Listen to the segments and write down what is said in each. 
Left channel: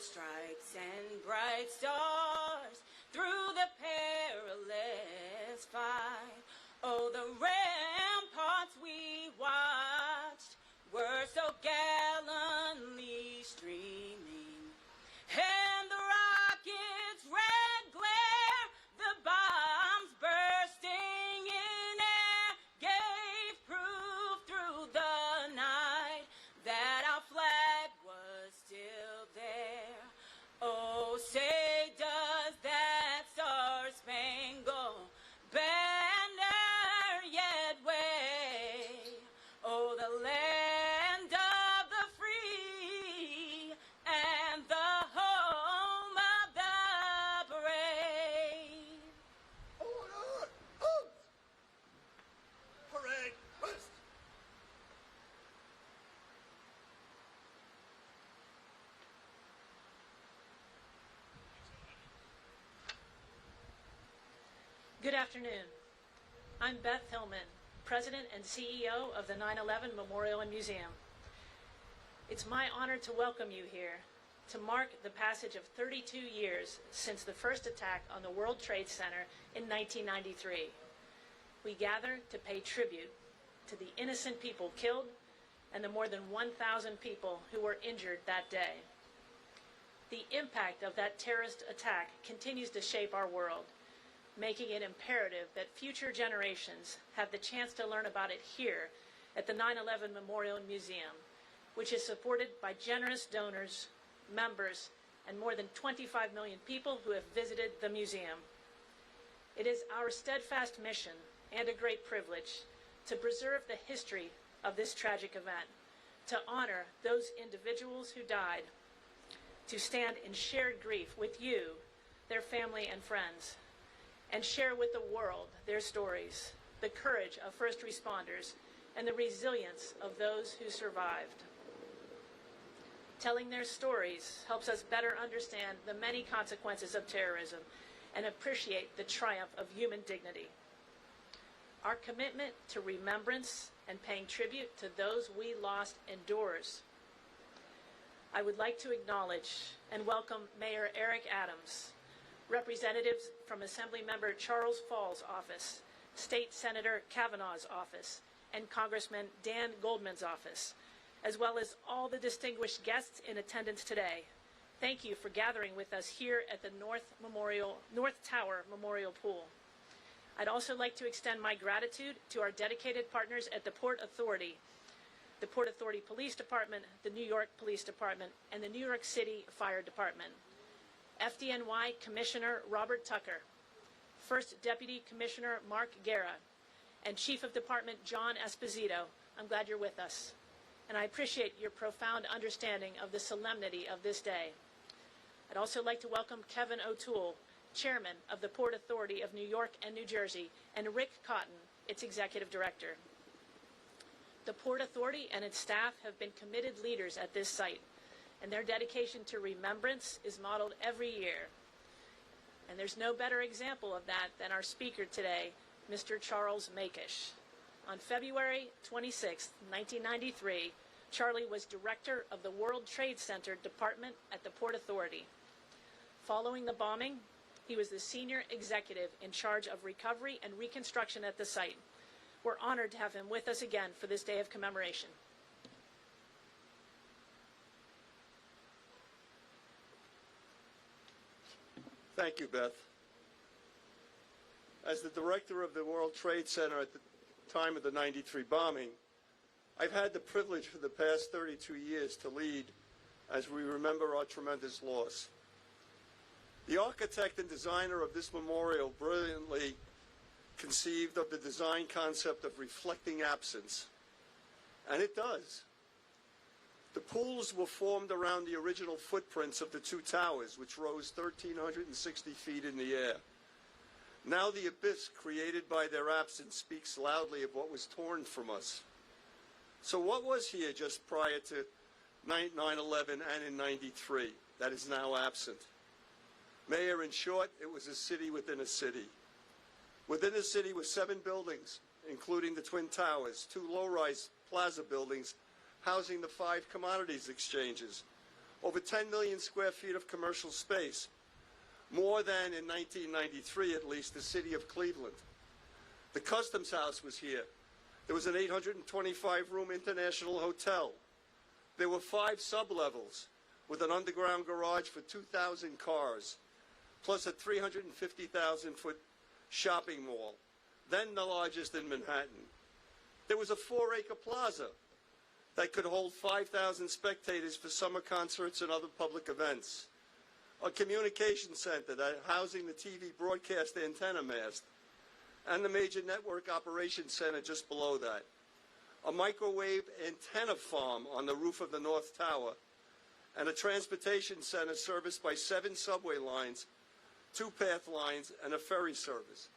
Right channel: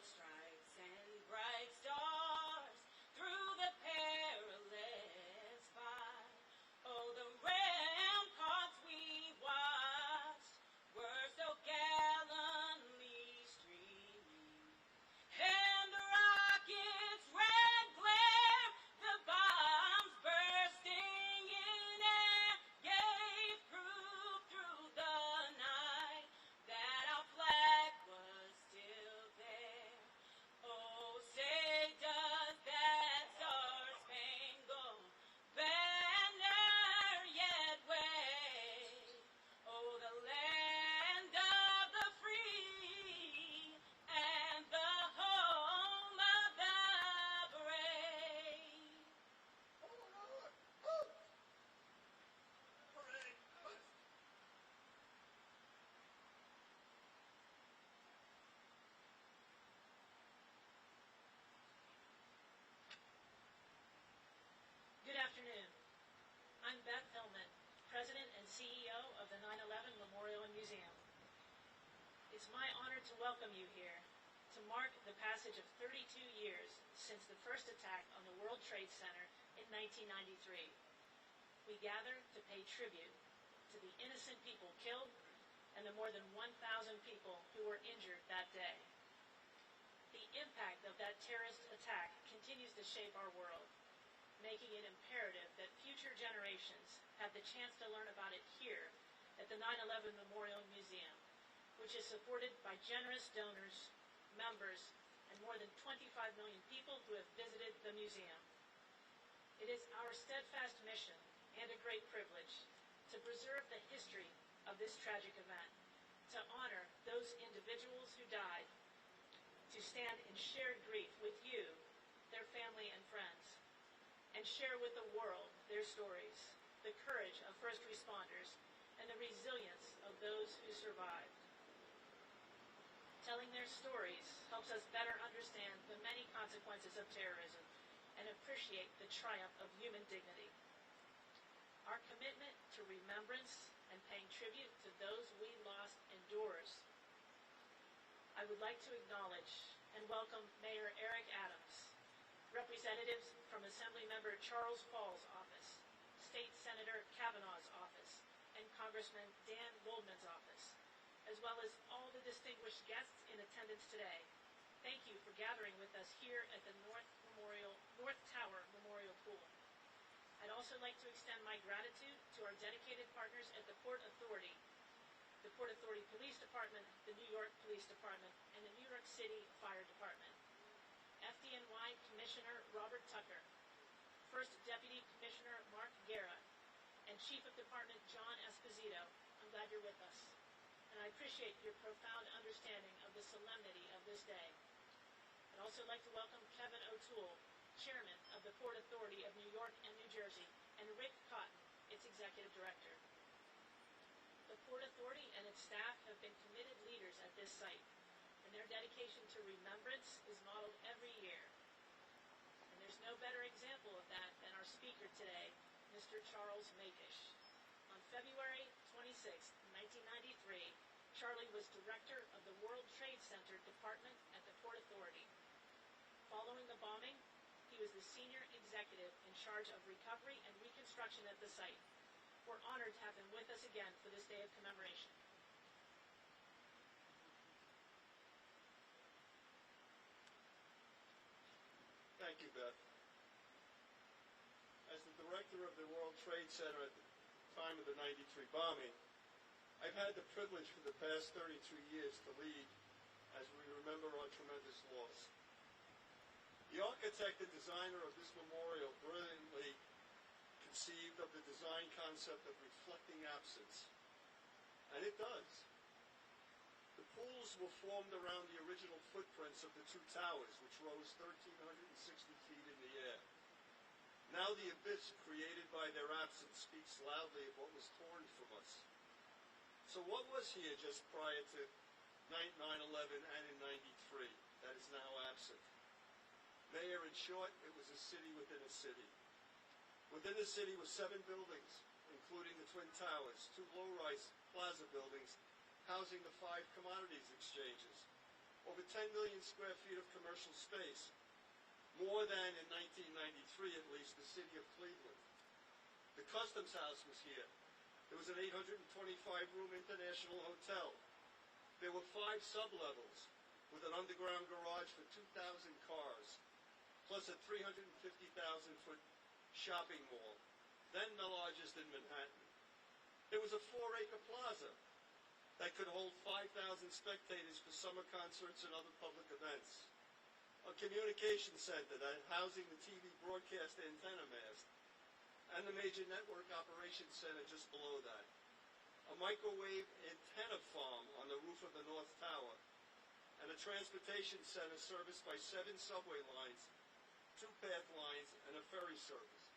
gold stripes and bright stars through the perilous fight. Oh, the ramparts we watched were so gallantly streaming, and the rockets' red glare, the bombs bursting in air, gave proof through the night that our flag was still there. Oh, say does that star-spangled banner yet wave? Oh, the land of the free and the home of the brave. Order! Halt! Parade west! Good afternoon. I'm Beth Hillman, President and CEO of the 9/11 Memorial and Museum. It's my honor to welcome you here to mark the passage of 32 years since the first attack on the World Trade Center in 1993. We gather to pay tribute to the innocent people killed and the more than 1,000 people who were injured that day. The impact of that terrorist attack continues to shape our world, making it imperative that future generations have the chance to learn about it here at the 9/11 Memorial and Museum, which is supported by generous donors, members, and more than 25 million people who have visited the museum. It is our steadfast mission and a great privilege to preserve the history of this tragic event, to honor those individuals who died, to stand in shared grief with you, their family and friends, and share with the world their stories, the courage of first responders, and the resilience of those who survived. Telling their stories helps us better understand the many consequences of terrorism and appreciate the triumph of human dignity. Our commitment to remembrance and paying tribute to those we lost endures. I would like to acknowledge and welcome Mayor Eric Adams, representatives from Assemblymember Charles Fall's office, State Senator Kavanaugh's office, and Congressman Dan Goldman's office, as well as all the distinguished guests in attendance today. Thank you for gathering with us here at the North Tower Memorial Pool. I'd also like to extend my gratitude to our dedicated partners at the Port Authority Police Department, the New York Police Department, and the New York City Fire Department. FDNY Commissioner Robert Tucker, First Deputy Commissioner Mark Guerra, and Chief of Department John Esposito. I'm glad you're with us, and I appreciate your profound understanding of the solemnity of this day. I'd also like to welcome Kevin O'Toole, Chairman of the Port Authority of New York and New Jersey, and Rick Cotton, its Executive Director. The Port Authority and its staff have been committed leaders at this site, and their dedication to remembrance is modeled every year. And there's no better example of that than our speaker today, Mr. Charles Makish. On February 26, 1993, Charlie was director of the World Trade Center Department at the Port Authority. Following the bombing, he was the senior executive in charge of recovery and reconstruction at the site. We're honored to have him with us again for this day of commemoration. Thank you, Beth. As the director of the World Trade Center at the time of the 93 bombing, I've had the privilege for the past 32 years to lead as we remember our tremendous loss. The architect and designer of this memorial brilliantly conceived of the design concept of reflecting absence, and it does. The pools were formed around the original footprints of the two towers, which rose 1,360 feet in the air. Now the abyss created by their absence speaks loudly of what was torn from us. So what was here just prior to 9/11 and in 93 that is now absent? Mayor, in short, it was a city within a city. Within the city were 7 buildings, including the Twin Towers, 2 low-rise plaza buildings housing the 5 commodities exchanges, over 10 million square feet of commercial space, more than in 1993 at least the city of Cleveland. The Customs House was here. There was an 825-room international hotel. There were 5 sublevels with an underground garage for 2,000 cars, plus a 350,000-foot shopping mall, then the largest in Manhattan. There was a 4-acre plaza that could hold 5,000 spectators for summer concerts and other public events. A communication center that housing the TV broadcast antenna mast, and the major network operations center just below that. A microwave antenna farm on the roof of the North Tower, and a transportation center serviced by 7 subway lines, 2-path lines, and a ferry service.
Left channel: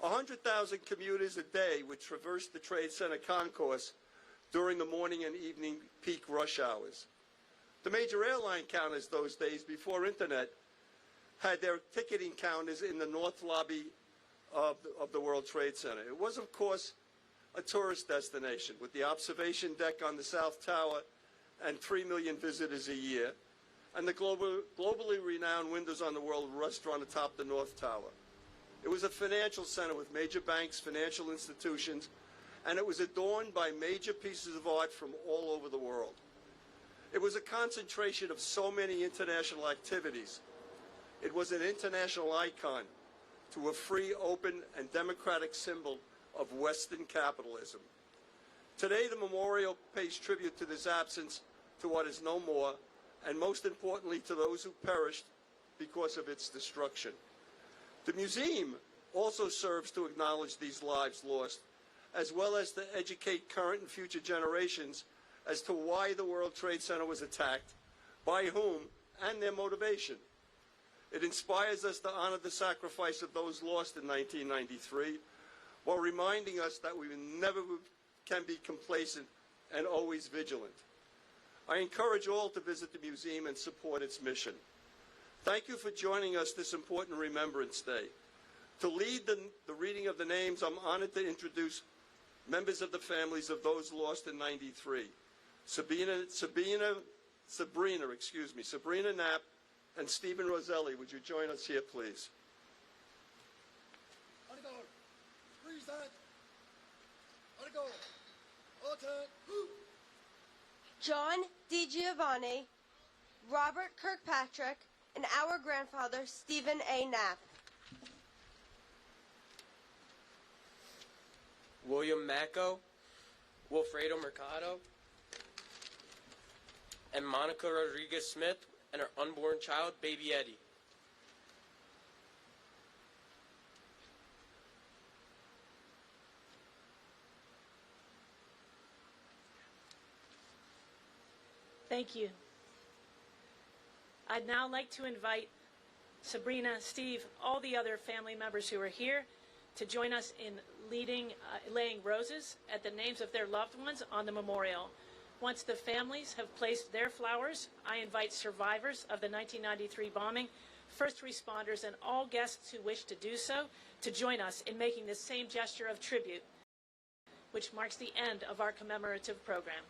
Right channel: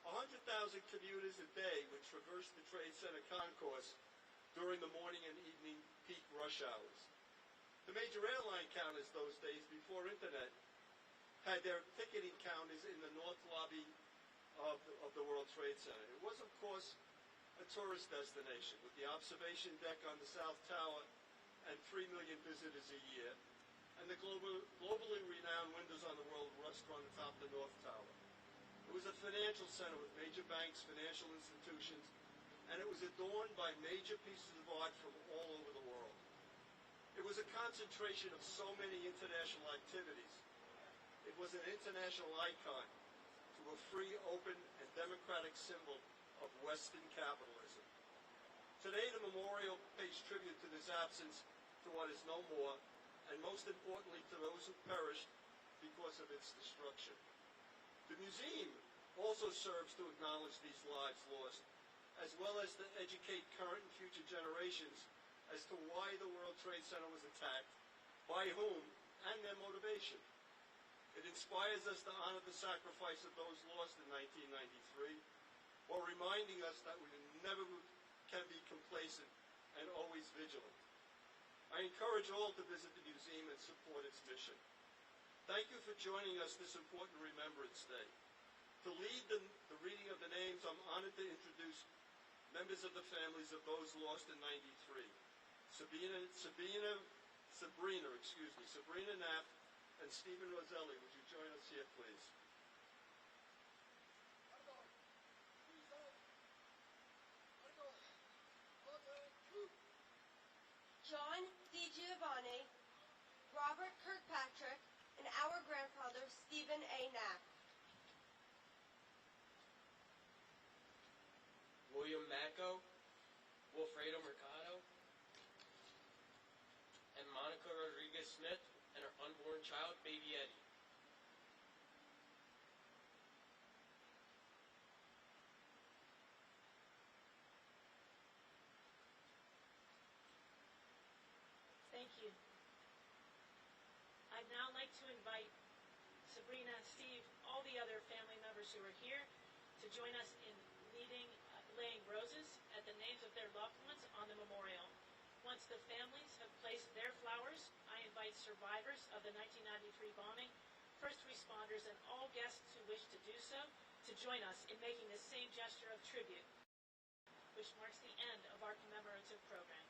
100,000 commuters a day would traverse the Trade Center concourse during the morning and evening peak rush hours. The major airline counters those days, before internet, had their ticketing counters in the north lobby of the World Trade Center. It was, of course, a tourist destination with the observation deck on the South Tower and 3 million visitors a year, and the globally renowned Windows on the World restaurant atop the North Tower. It was a financial center with major banks, financial institutions, and it was adorned by major pieces of art from all over the world. It was a concentration of so many international activities. It was an international icon to a free, open, and democratic symbol of Western capitalism. Today, the memorial pays tribute to this absence, to what is no more, and most importantly, to those who perished because of its destruction. The museum also serves to acknowledge these lives lost, as well as to educate current and future generations as to why the World Trade Center was attacked, by whom, and their motivation. It inspires us to honor the sacrifice of those lost in 1993, while reminding us that we never can be complacent and always vigilant. I encourage all to visit the museum and support its mission. Thank you for joining us this important Remembrance Day. To lead the reading of the names, I'm honored to introduce members of the families of those lost in '93. Sabrina Knapp and Stephen Roselli. Would you join us here, please? John DiGiovanni, Robert Kirkpatrick, and our grandfather, Stephen A. Knapp. William Macco, Wilfredo Mercado, and Monica Rodriguez Smith, and her unborn child, baby Eddie. Thank you. I'd now like to invite Sabrina, Steve, all the other family members who are here to join us in laying roses at the names of their loved ones on the memorial. Once the families have placed their flowers, I invite survivors of the 1993 bombing, first responders, and all guests who wish to do so to join us in making this same gesture of tribute, which marks the end of our commemorative program.